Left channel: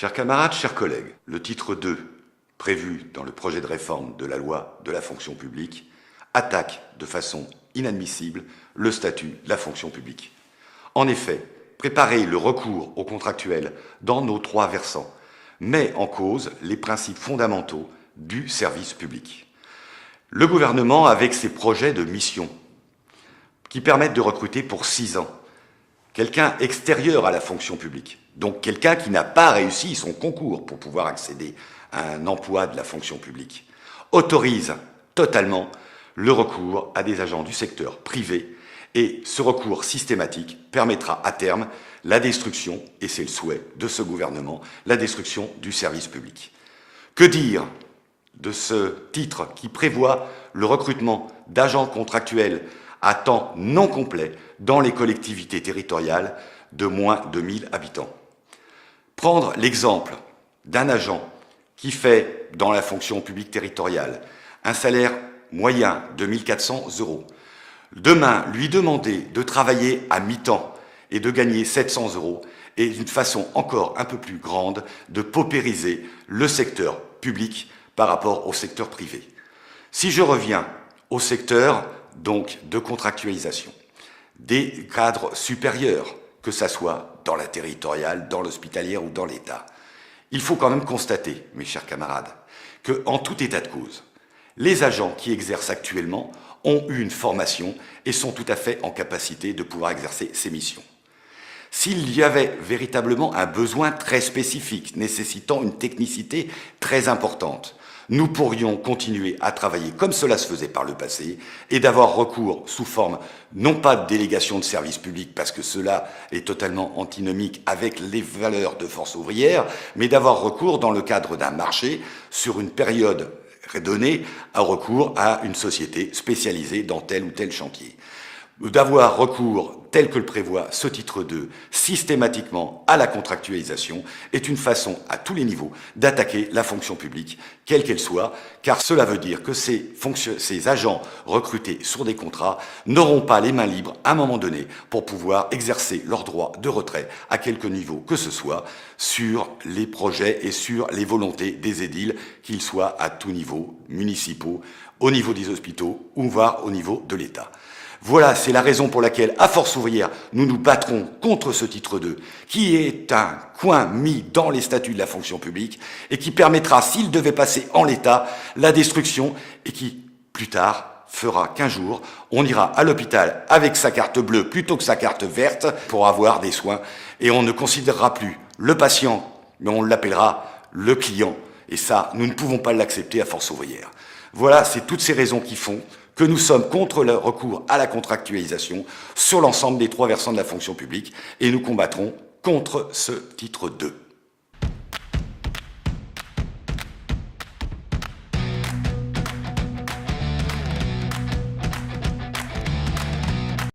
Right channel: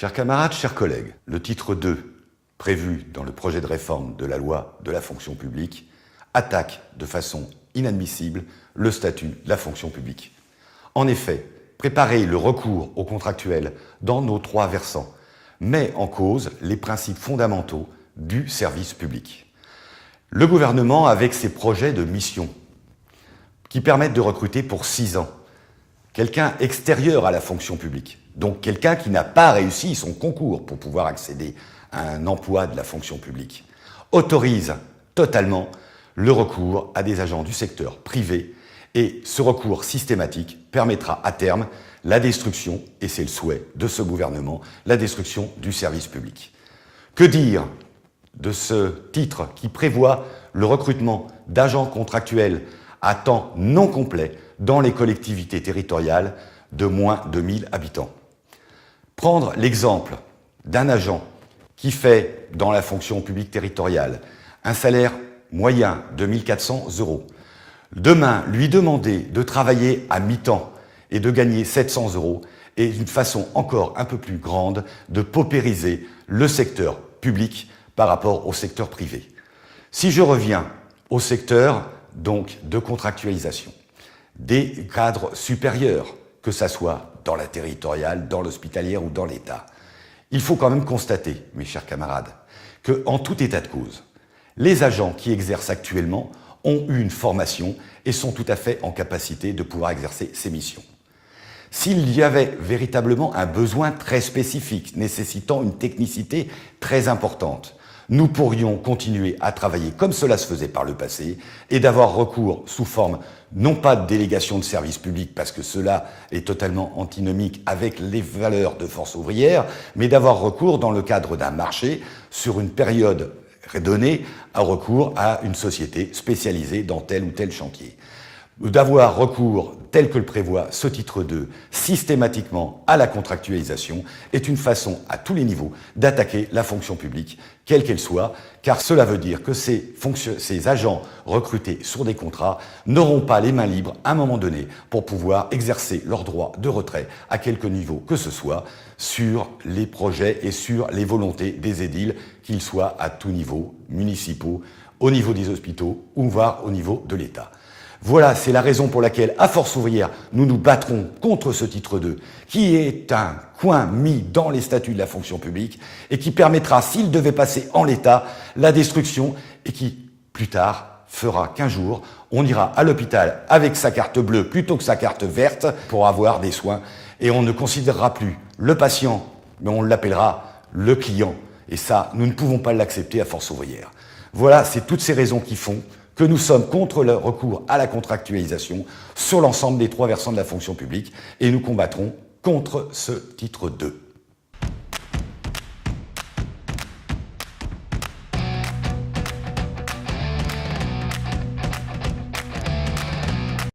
Chers camarades, chers collègues, le titre 2, prévu dans le projet de réforme de la loi de la fonction publique, attaque de façon inadmissible le statut de la fonction publique. En effet, préparer le recours aux contractuels dans nos trois versants met en cause les principes fondamentaux du service public. Le gouvernement, avec ses projets de mission, qui permettent de recruter pour 6 ans quelqu'un extérieur à la fonction publique, donc quelqu'un qui n'a pas réussi son concours pour pouvoir accéder à un emploi de la fonction publique, autorise totalement le recours à des agents du secteur privé, et ce recours systématique permettra à terme la destruction, et c'est le souhait de ce gouvernement, la destruction du service public. Que dire de ce titre qui prévoit le recrutement d'agents contractuels à temps non complet dans les collectivités territoriales de moins de 1000 habitants. Prendre l'exemple d'un agent qui fait dans la fonction publique territoriale un salaire moyen de 1 400 €. Demain, lui demander de travailler à mi-temps et de gagner 700 € est une façon encore un peu plus grande de paupériser le secteur public par rapport au secteur privé. Si je reviens au secteur donc de contractualisation des cadres supérieurs, que ça soit dans la territoriale, dans l'hospitalière ou dans l'État, il faut quand même constater, mes chers camarades, que en tout état de cause, les agents qui exercent actuellement ont eu une formation et sont tout à fait en capacité de pouvoir exercer ces missions. S'il y avait véritablement un besoin très spécifique, nécessitant une technicité très importante, nous pourrions continuer à travailler comme cela se faisait par le passé et d'avoir recours sous forme, non pas de délégation de service public, parce que cela est totalement antinomique avec les valeurs de force ouvrière, mais d'avoir recours dans le cadre d'un marché sur une période donnée, un recours à une société spécialisée dans tel ou tel chantier. D'avoir recours, tel que le prévoit ce titre 2, systématiquement à la contractualisation, est une façon, à tous les niveaux, d'attaquer la fonction publique, quelle qu'elle soit, car cela veut dire que ces agents recrutés sur des contrats n'auront pas les mains libres à un moment donné pour pouvoir exercer leur droit de retrait à quelque niveau que ce soit sur les projets et sur les volontés des édiles, qu'ils soient à tout niveau, municipaux, au niveau des hôpitaux ou voire au niveau de l'État. Voilà, c'est la raison pour laquelle, à Force ouvrière, nous nous battrons contre ce titre 2, qui est un coin mis dans les statuts de la fonction publique et qui permettra, s'il devait passer en l'état, la destruction et qui, plus tard, fera qu'un jour, on ira à l'hôpital avec sa carte bleue plutôt que sa carte verte pour avoir des soins et on ne considérera plus le patient, mais on l'appellera le client. Et ça, nous ne pouvons pas l'accepter à Force ouvrière. Voilà, c'est toutes ces raisons qui font que nous sommes contre le recours à la contractualisation sur l'ensemble des trois versants de la fonction publique et nous combattrons contre ce titre 2.